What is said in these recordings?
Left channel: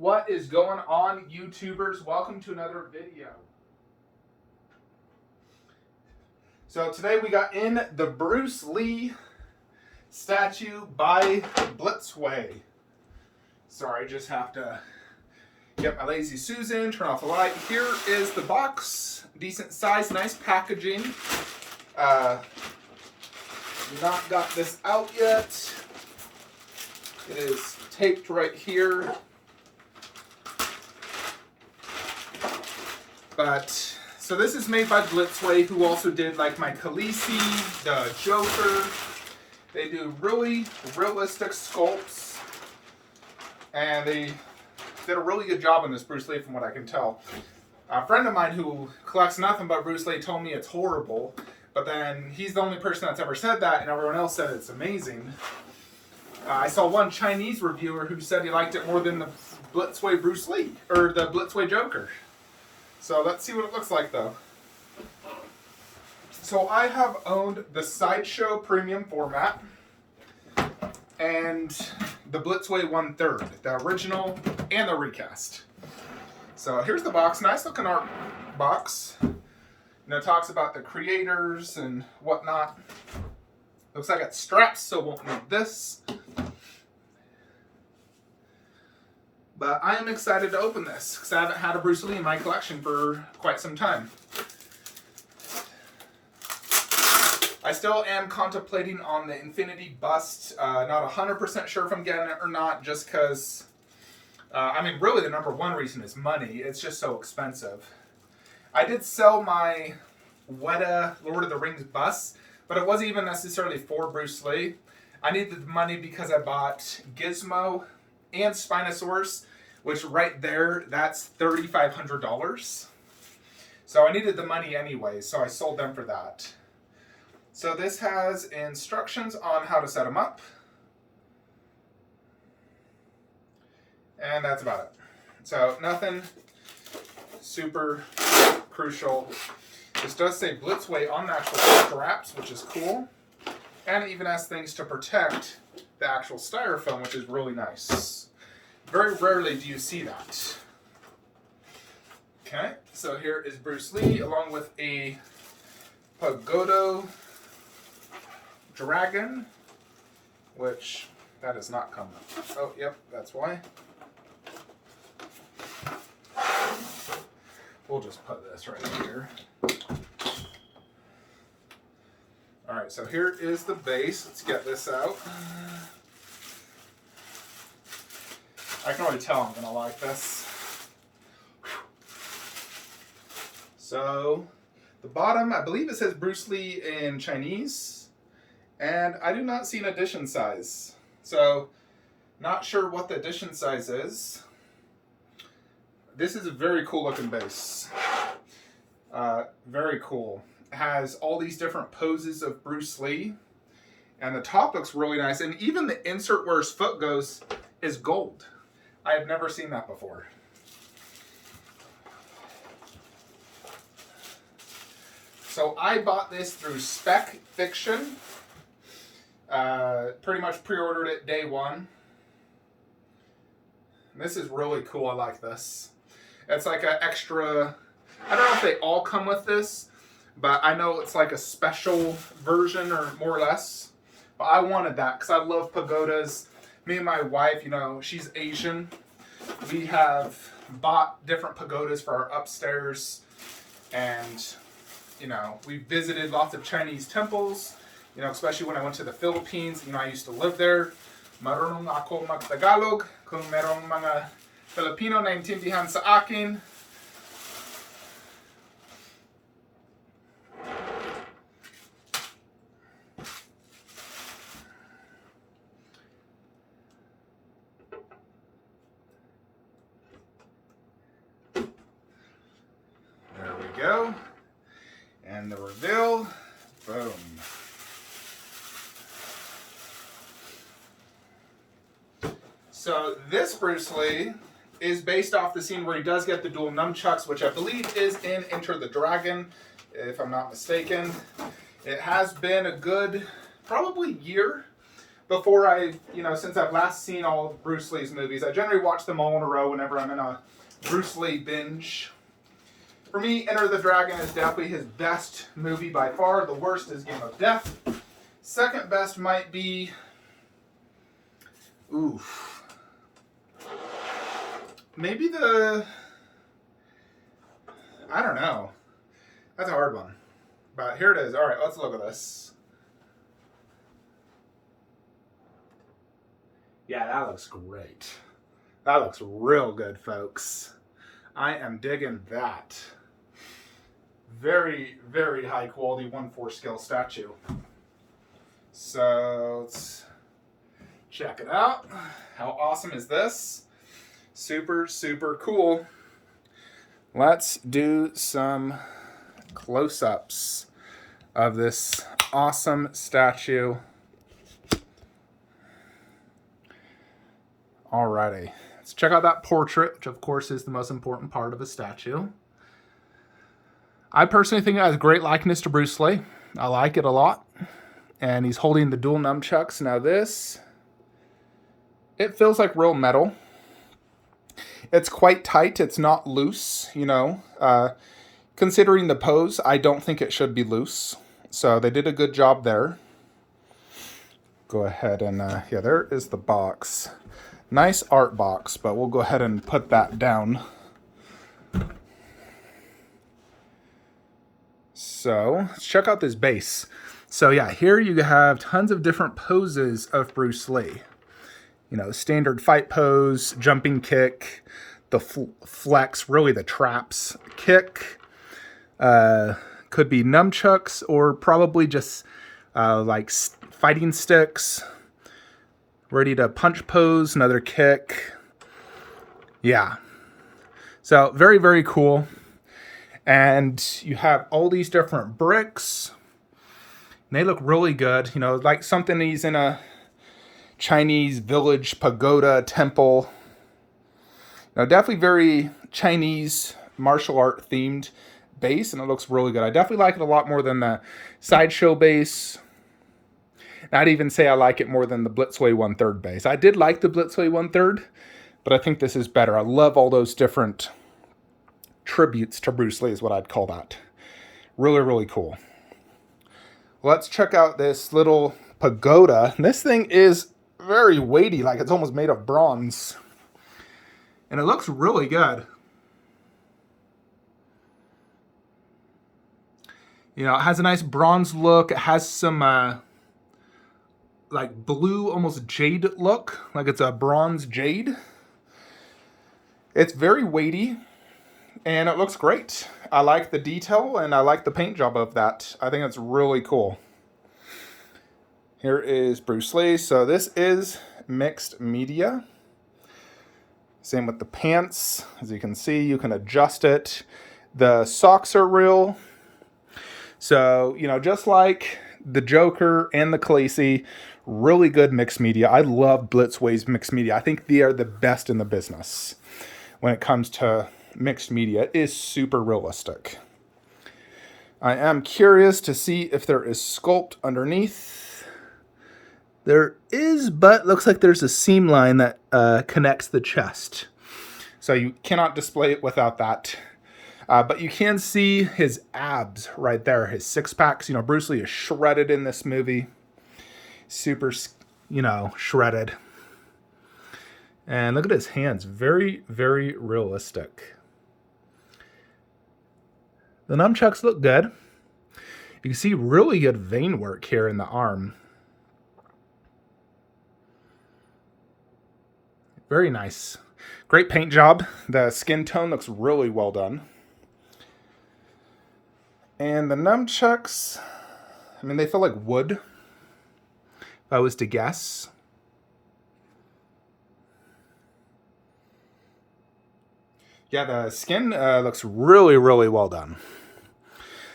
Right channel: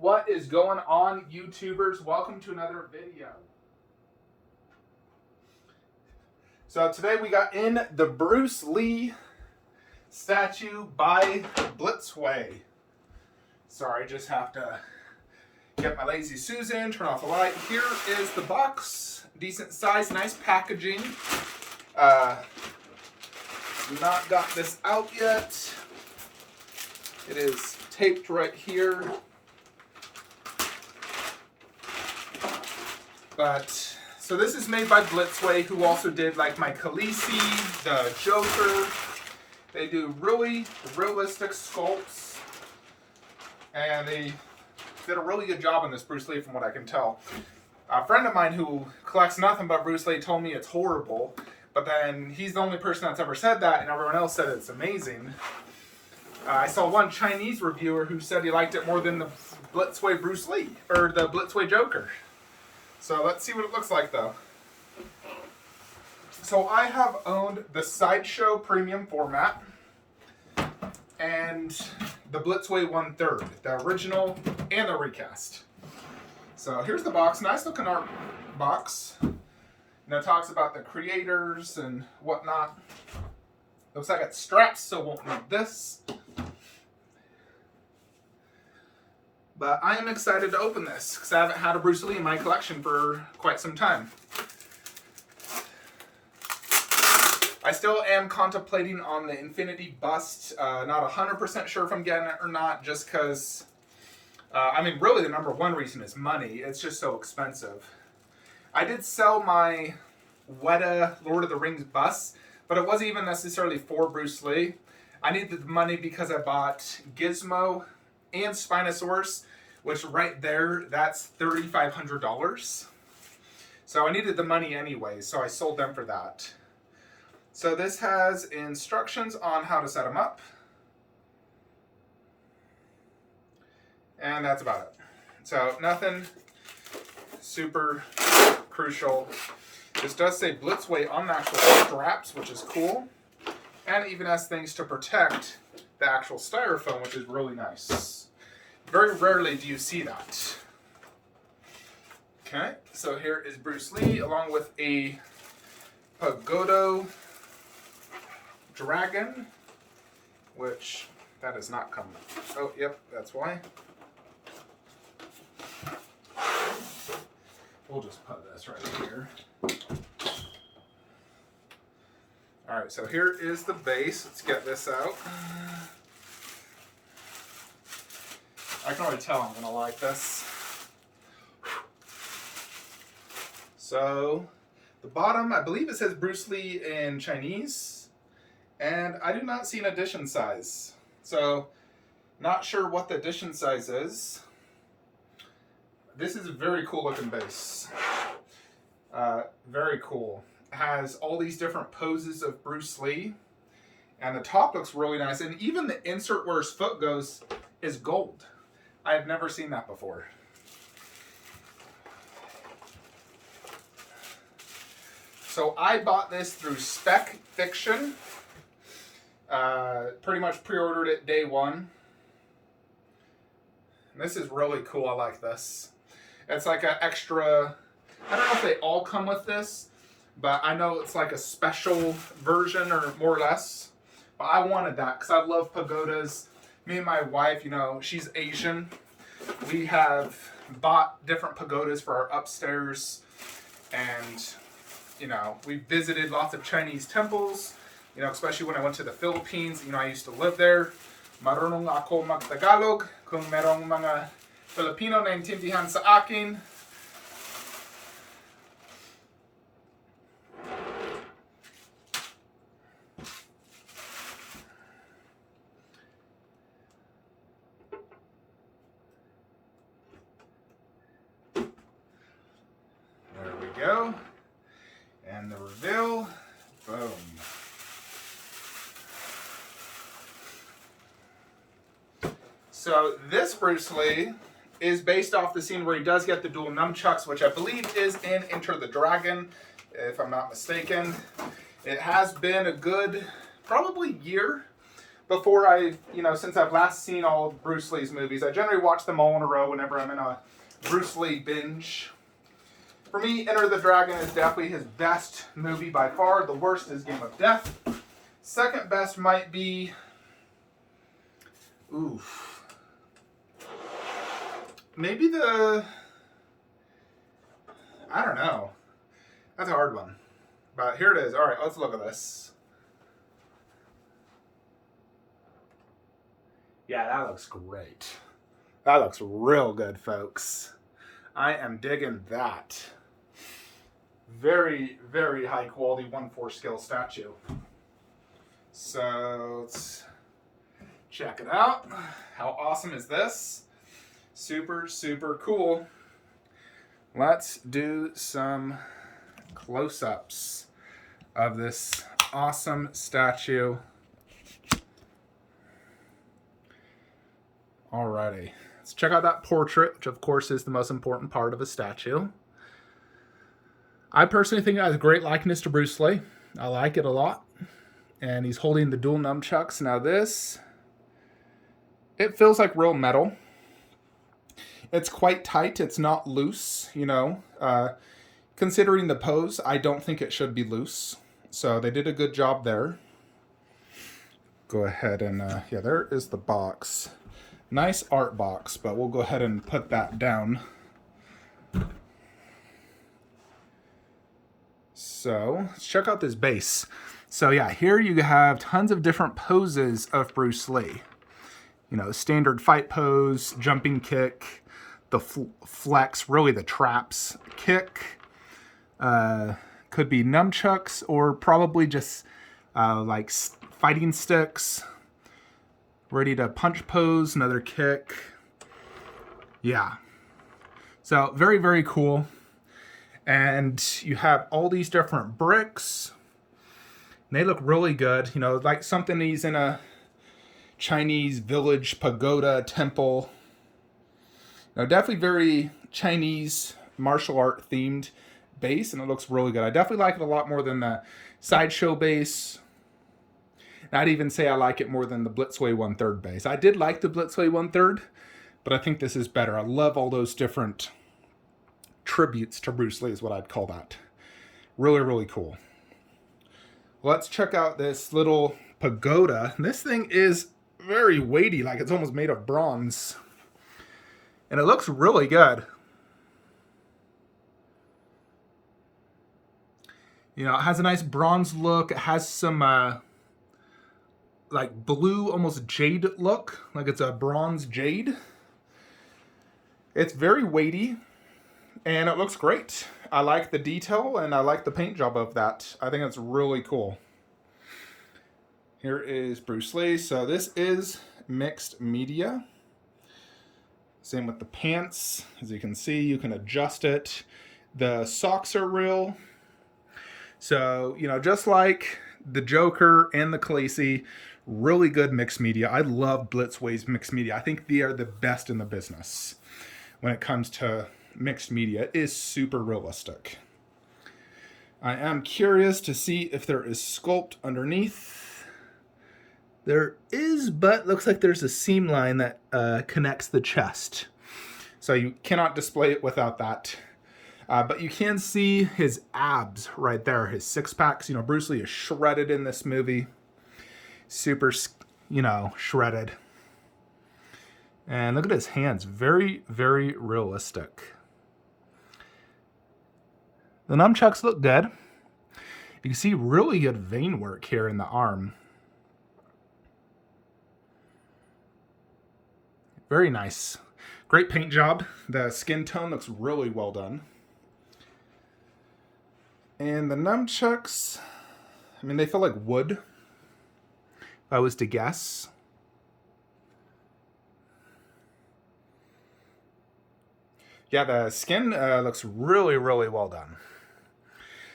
What is going on, YouTubers? Welcome to another video. So today we got in the Bruce Lee statue by Blitzway. Sorry, just have to get my Lazy Susan, turn off the light. Here is the box. Decent size, nice packaging. Not got this out yet. It is taped right here. But, so this is made by Blitzway, who also did like my Khaleesi, the Joker. They do really realistic sculpts. And they did a really good job on this Bruce Lee from what I can tell. A friend of mine who collects nothing but Bruce Lee told me it's horrible. But then he's the only person that's ever said that, and everyone else said it's amazing. I saw one Chinese reviewer who said he liked it more than the Blitzway Bruce Lee, or the Blitzway Joker. So let's see what it looks like though. So I have owned the Sideshow Premium format and the Blitzway 1/3, the original and the recast. So here's the box, nice looking art box. And it talks about the creators and whatnot. Looks like it's straps, so won't need this. But I am excited to open this because I haven't had a Bruce Lee in my collection for quite some time. I still am contemplating on the Infinity bust. Not 100% sure if I'm getting it or not, just because, I mean, really the number one reason is money. It's just so expensive. I did sell my Weta Lord of the Rings bust, but it wasn't even necessarily for Bruce Lee. I needed the money because I bought Gizmo and Spinosaurus, which right there, that's $3,500. So I needed the money anyway, so I sold them for that. So this has instructions on how to set them up. And that's about it. So nothing super crucial. This does say Blitzway on the actual straps, which is cool. And it even has things to protect the actual styrofoam, which is really nice. Very rarely do you see that. Okay, so here is Bruce Lee along with a Pagoda dragon, which that is not coming up. Oh, yep, that's why. We'll just put this right here. All right, so here is the base. Let's get this out. I can already tell I'm gonna like this. So the bottom, I believe it says Bruce Lee in Chinese, and I do not see an edition size. So not sure what the edition size is. This is a very cool looking base. Very cool. It has all these different poses of Bruce Lee, and the top looks really nice. And even the insert where his foot goes is gold. I have never seen that before. So I bought this through Spec Fiction. Pretty much pre-ordered it day one. And this is really cool. I like this. It's like an extra, I don't know if they all come with this, but I know it's like a special version or more or less. But I wanted that because I love pagodas. Me and my wife, you know, she's Asian. We have bought different pagodas for our upstairs. And, you know, we visited lots of Chinese temples. You know, especially when I went to the Philippines. You know, I used to live there. Marunong ako mag-Tagalog. Kung merong mga Filipino na intindihan sa akin. There we go. And the reveal. Boom. So this Bruce Lee is based off the scene where he does get the dual nunchucks, which I believe is in Enter the Dragon, if I'm not mistaken. It has been a good, probably year before since I've last seen all of Bruce Lee's movies, I generally watch them all in a row whenever I'm in a Bruce Lee binge. For me, Enter the Dragon is definitely his best movie by far. The worst is Game of Death. Second best might be... maybe the... I don't know. That's a hard one. But here it is. All right, let's look at this. Yeah, that looks great. That looks real good, folks. I am digging that. Very, very high quality 1/4 scale statue. So let's check it out. How awesome is this? Super, super cool. Let's do some close-ups of this awesome statue. Alrighty, let's check out that portrait, which of course is the most important part of a statue. I personally think it has a great likeness to Bruce Lee. I like it a lot. And he's holding the dual nunchucks. Now this, it feels like real metal. It's quite tight. It's not loose, considering the pose, I don't think it should be loose. So they did a good job there. Go ahead and, yeah, there is the box. Nice art box, but we'll go ahead and put that down. So let's check out this base. So yeah, here you have tons of different poses of Bruce Lee. Standard fight pose, jumping kick, the flex, really the traps, kick, could be nunchucks or probably just like fighting sticks, ready to punch pose, another kick. Yeah. So very, very cool. And you have all these different bricks. And they look really good. Like something he's in a Chinese village pagoda temple. Definitely very Chinese martial art themed base, and it looks really good. I definitely like it a lot more than the Sideshow base. I'd even say I like it more than the Blitzway 1/3 base. I did like the Blitzway 1/3, but I think this is better. I love all those different tributes to Bruce Lee is what I'd call that. Really, really cool. Let's check out this little pagoda. This thing is very weighty, like it's almost made of bronze. And it looks really good. It has a nice bronze look. It has some like blue, almost jade look, like it's a bronze jade. It's very weighty, and it looks great. I like the detail, and I like the paint job of that. I think it's really cool. Here is Bruce Lee. So this is mixed media. Same with the pants. As you can see, you can adjust it. The socks are real. So, just like the Joker and the Khaleesi, really good mixed media. I love Blitzway's mixed media. I think they are the best in the business when it comes to mixed media. It is super realistic. I am curious to see if there is sculpt underneath. There is, but looks like there's a seam line that connects the chest. So you cannot display it without that. But you can see his abs right there, his six packs. Bruce Lee is shredded in this movie. Super, shredded. And look at his hands. Very, very realistic. The nunchucks look good. You can see really good vein work here in the arm. Very nice. Great paint job. The skin tone looks really well done. And the nunchucks, they feel like wood, if I was to guess. Yeah, the skin looks really, really well done.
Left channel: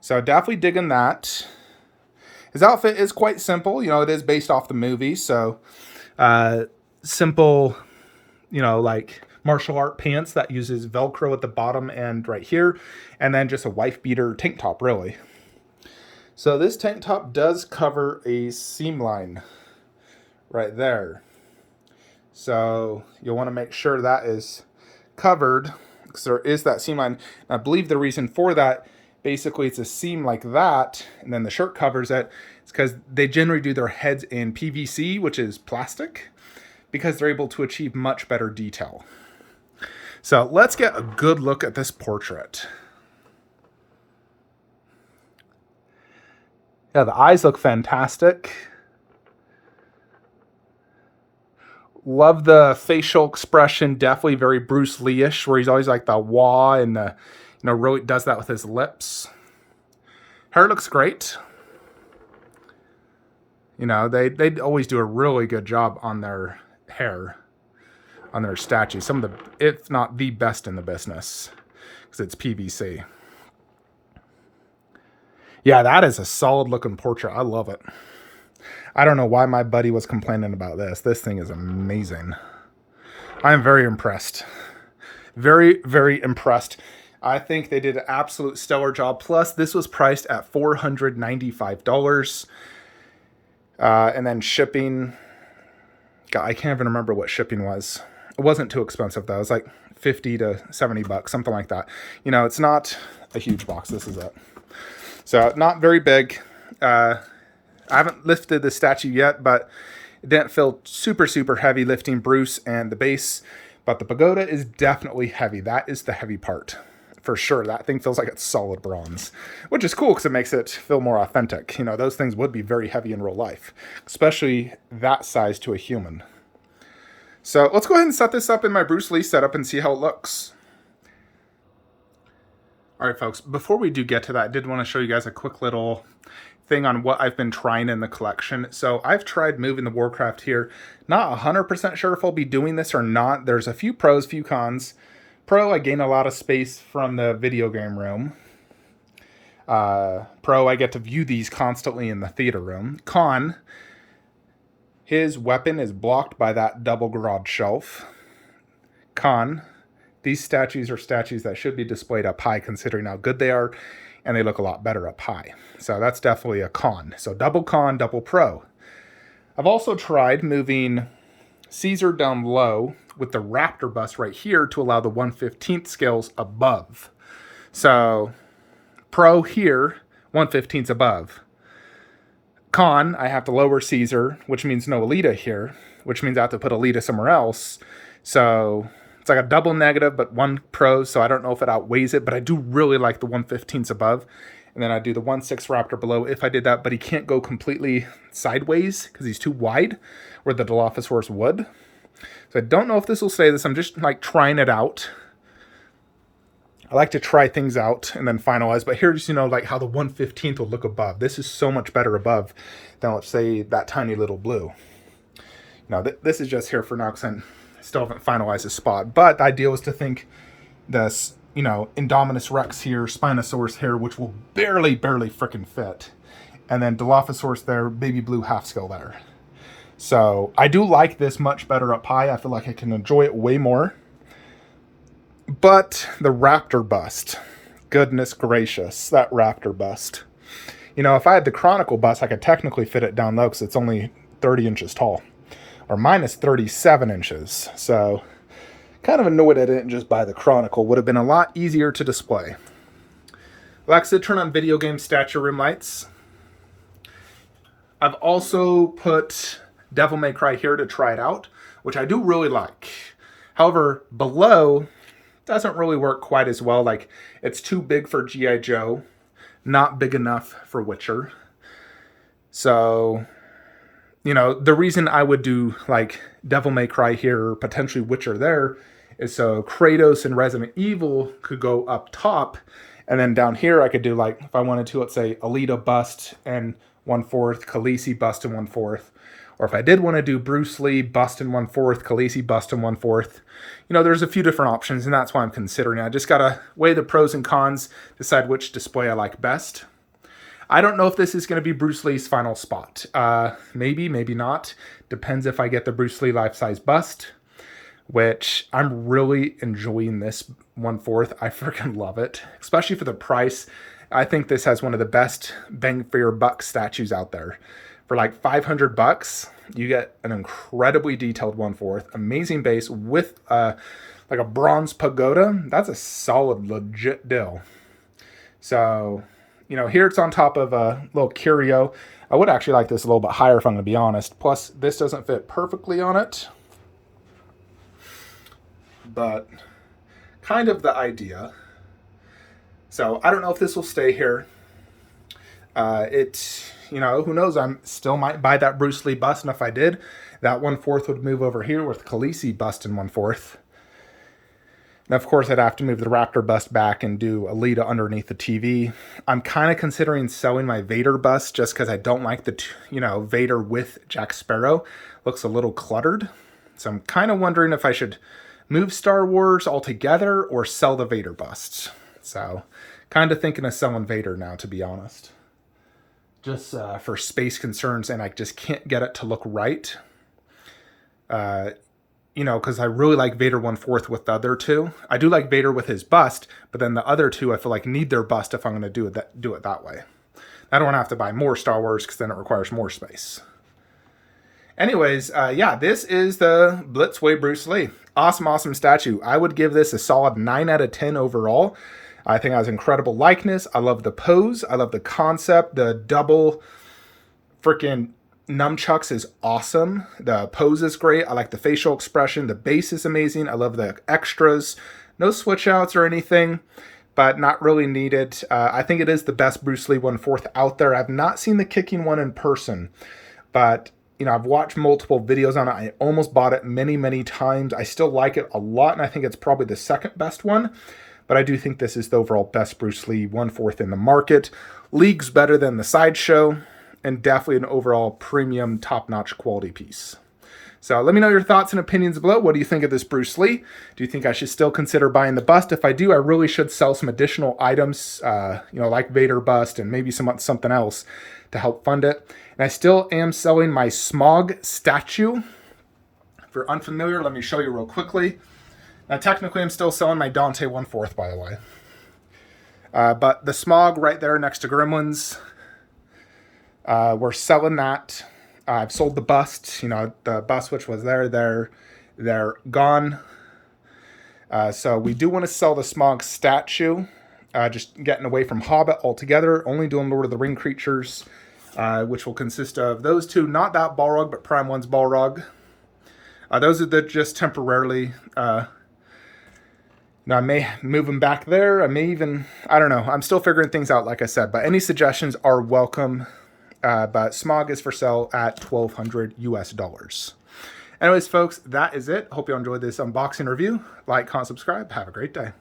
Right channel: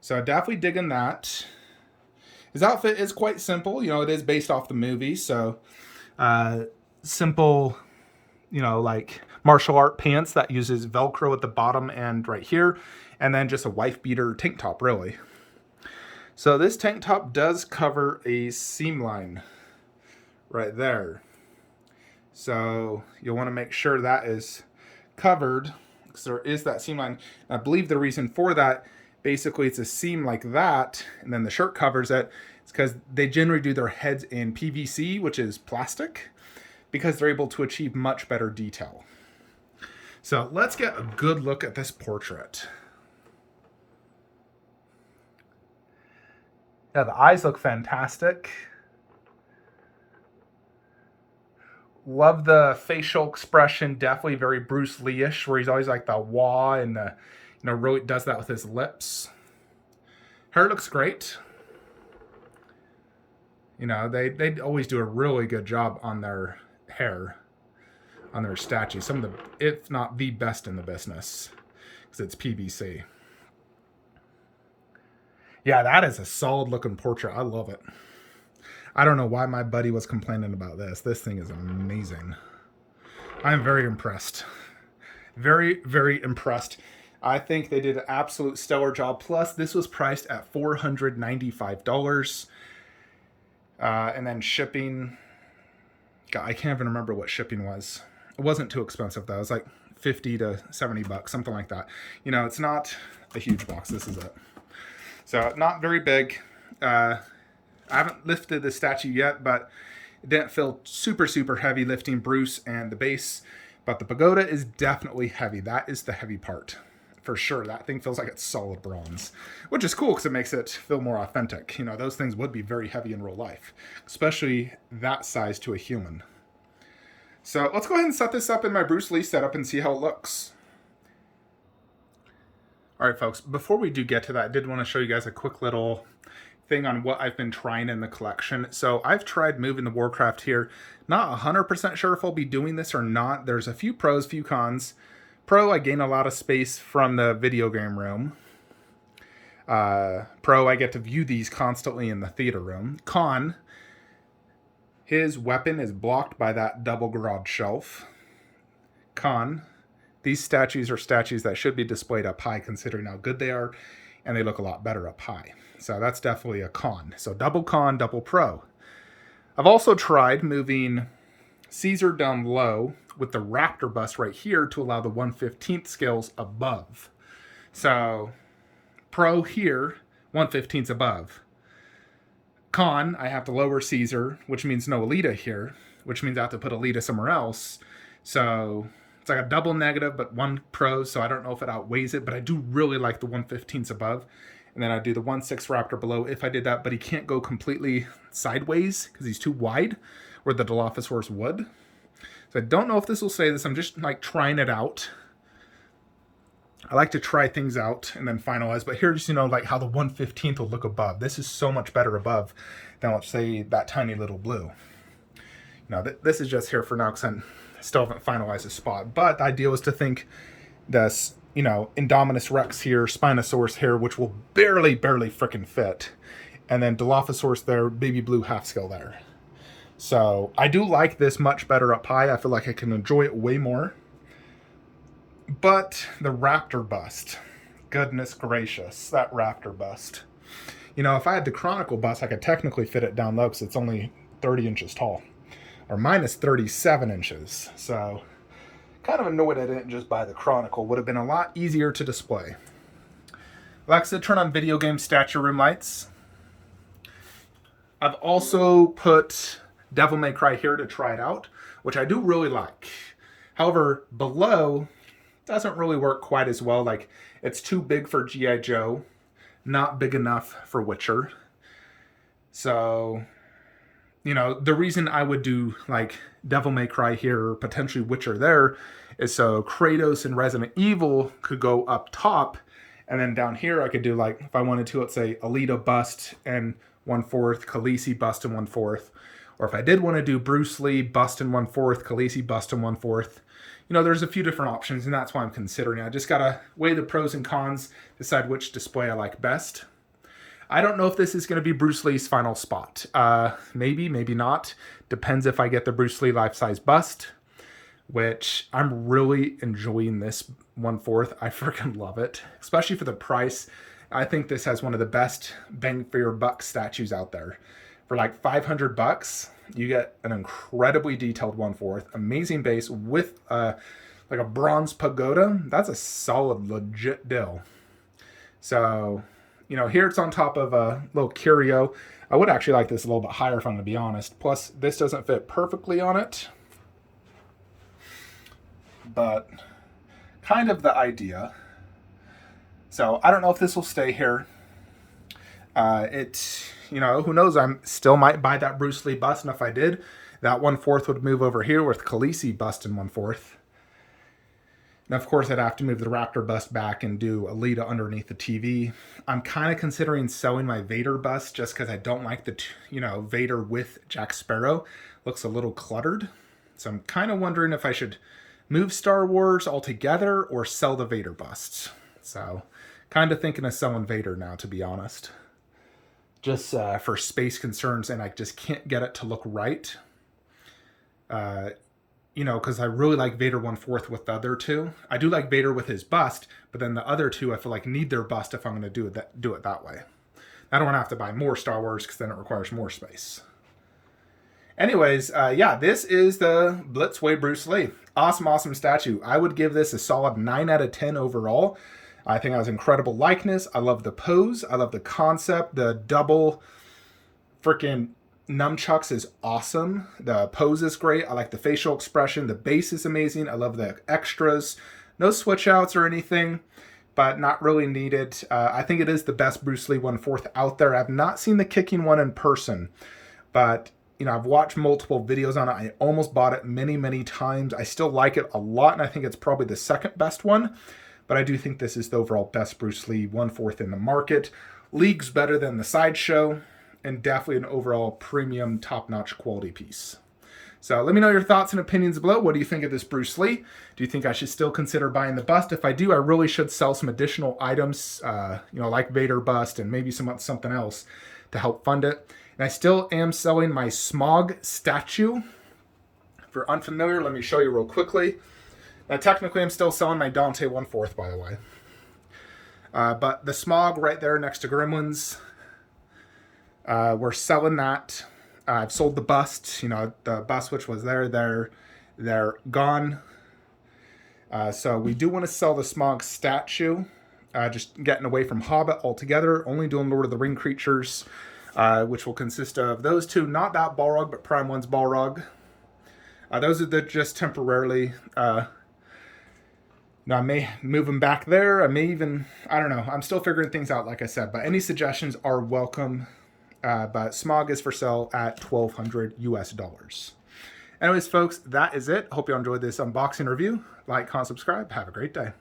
So definitely digging that. His outfit is quite simple. It is based off the movie. So simple, like martial art pants that uses Velcro at the bottom and right here. And then just a wife beater tank top, really. So this tank top does cover a seam line right there. So you'll want to make sure that is covered, because there is that seam line. I believe the reason for that, basically it's a seam like that, and then the shirt covers it. It's because they generally do their heads in PVC, which is plastic, because they're able to achieve much better detail. So let's get a good look at this portrait. Yeah, the eyes look fantastic. Love the facial expression, definitely very Bruce Lee-ish, where he's always like the wah and the, really does that with his lips. Hair looks great. They always do a really good job on their hair, on their statues. Some of the, if not the best in the business, because it's PVC. Yeah, that is a solid looking portrait. I love it. I don't know why my buddy was complaining about this. This thing is amazing. I am very impressed. Very, very impressed. I think they did an absolute stellar job. Plus, this was priced at $495. And then shipping, God, I can't even remember what shipping was. It wasn't too expensive though. It was like 50 to 70 bucks, something like that. It's not a huge box. This is it. So not very big. I haven't lifted the statue yet, but it didn't feel super, super heavy lifting Bruce and the base. But the pagoda is definitely heavy. That is the heavy part. For sure. That thing feels like it's solid bronze, which is cool because it makes it feel more authentic. Those things would be very heavy in real life, especially that size to a human. So let's go ahead and set this up in my Bruce Lee setup and see how it looks. All right, folks, before we do get to that, I did want to show you guys a quick little thing on what I've been trying in the collection. So I've tried moving the Warcraft here. Not 100% sure if I'll be doing this or not. There's a few pros, few cons. Pro, I gain a lot of space from the video game room. Pro, I get to view these constantly in the theater room. Con, his weapon is blocked by that double garage shelf. Con, these statues are statues that should be displayed up high considering how good they are, and they look a lot better up high. So that's definitely a con. So double con, double pro. I've also tried moving Caesar down low with the Raptor bust right here to allow the 1/15th scales above. So pro here, 1/15 above. Con, I have to lower Caesar, which means no Alita here, which means I have to put Alita somewhere else. So it's like a double negative, but one pro, so I don't know if it outweighs it, but I do really like the 1/15 above. And then I do the 1/6 Raptor below if I did that, but he can't go completely sideways because he's too wide, where the Dilophosaurus would. So I don't know if this will say this. I'm just like trying it out. I like to try things out and then finalize, but here's, like how the 1/15 will look above. This is so much better above than, let's say, that tiny little blue. Now, this is just here for now because I still haven't finalized the spot, but the idea was to think this, Indominus Rex here, Spinosaurus here, which will barely frickin' fit. And then Dilophosaurus there, baby blue half scale there. So I do like this much better up high. I feel like I can enjoy it way more. But the Raptor bust, goodness gracious, that Raptor bust. If I had the Chronicle bust, I could technically fit it down low because it's only 30 inches tall. Or minus 37 inches. So kind of annoyed I didn't just buy the Chronicle. Would have been a lot easier to display. Alexa, turn on video game statue room lights. I've also put Devil May Cry here to try it out, which I do really like. However, below doesn't really work quite as well. Like, it's too big for G.I. Joe, not big enough for Witcher. So, the reason I would do like Devil May Cry here, or potentially Witcher there, is so Kratos and Resident Evil could go up top, and then down here I could do, like, if I wanted to, let's say Alita bust and 1/4, Khaleesi bust and 1/4. Or if I did want to do Bruce Lee bust and 1/4, Khaleesi bust and 1/4. There's a few different options, and that's why I'm considering it. I just got to weigh the pros and cons, decide which display I like best. I don't know if this is going to be Bruce Lee's final spot. Maybe, maybe not. Depends if I get the Bruce Lee life-size bust, which I'm really enjoying this 1/4. I freaking love it, especially for the price. I think this has one of the best bang for your buck statues out there. For like 500 bucks, You get an incredibly detailed 1/4, amazing base with like a bronze pagoda. That's a solid, legit deal. So, you know, here it's on top of a little curio. I would actually like this a little bit higher if I'm going to be honest. Plus, this doesn't fit perfectly on it. But kind of the idea. So, I don't know if this will stay here. You know, who knows? I still might buy that Bruce Lee bust. And if I did, that 1/4 would move over here with Khaleesi bust in 1/4. And of course, I'd have to move the Raptor bust back and do Alita underneath the TV. I'm kind of considering selling my Vader bust just because I don't like the, you know, Vader with Jack Sparrow. Looks a little cluttered. So I'm kind of wondering if I should move Star Wars altogether or sell the Vader bust. So kind of thinking of selling Vader now, to be honest. Just for space concerns, and I just can't get it to look right. You know, because I really like Vader 1/4 with the other two. I do like Vader with his bust, but then the other two I feel like need their bust if I'm going to do it that way. I don't want to have to buy more Star Wars because then it requires more space. Anyways, yeah, this is the Blitzway Bruce Lee. Awesome statue. I would give this a solid 9 out of 10 overall. I think it has incredible likeness. I love the pose. I love the concept. The double freaking nunchucks is awesome. The pose is great. I like the facial expression. The base is amazing. I love the extras. No switch outs or anything, but not really needed. I think it is the best Bruce Lee 1/4 out there. I've not seen the kicking one in person, but you know, I've watched multiple videos on it. I almost bought it many times. I still like it a lot, and I think it's probably the second best one, but I do think this is the overall best Bruce Lee 1/4 in the market. Leagues better than the Sideshow, and definitely an overall premium, top-notch quality piece. So let me know your thoughts and opinions below. What do you think of this Bruce Lee? Do you think I should still consider buying the bust? If I do, I really should sell some additional items, you know, like Vader bust and maybe something else to help fund it. And I still am selling my Smog statue. If you're unfamiliar, let me show you real quickly. Now, technically, I'm still selling my Dante 1/4, by the way. But the Smog right there next to Gremlins, we're selling that. I've sold the bust, you know, the bust which was there, they're gone. So we do want to sell the Smog statue, just getting away from Hobbit altogether, only doing Lord of the Ring creatures, which will consist of those two, not that Balrog, but Prime 1's Balrog. Those are the just temporarily, now, I may move them back there. I may even, I don't know. I'm still figuring things out, like I said, but any suggestions are welcome. But Smog is for sale at $1,200 US. Anyways, folks, that is it. Hope you enjoyed this unboxing review. Like, comment, subscribe. Have a great day.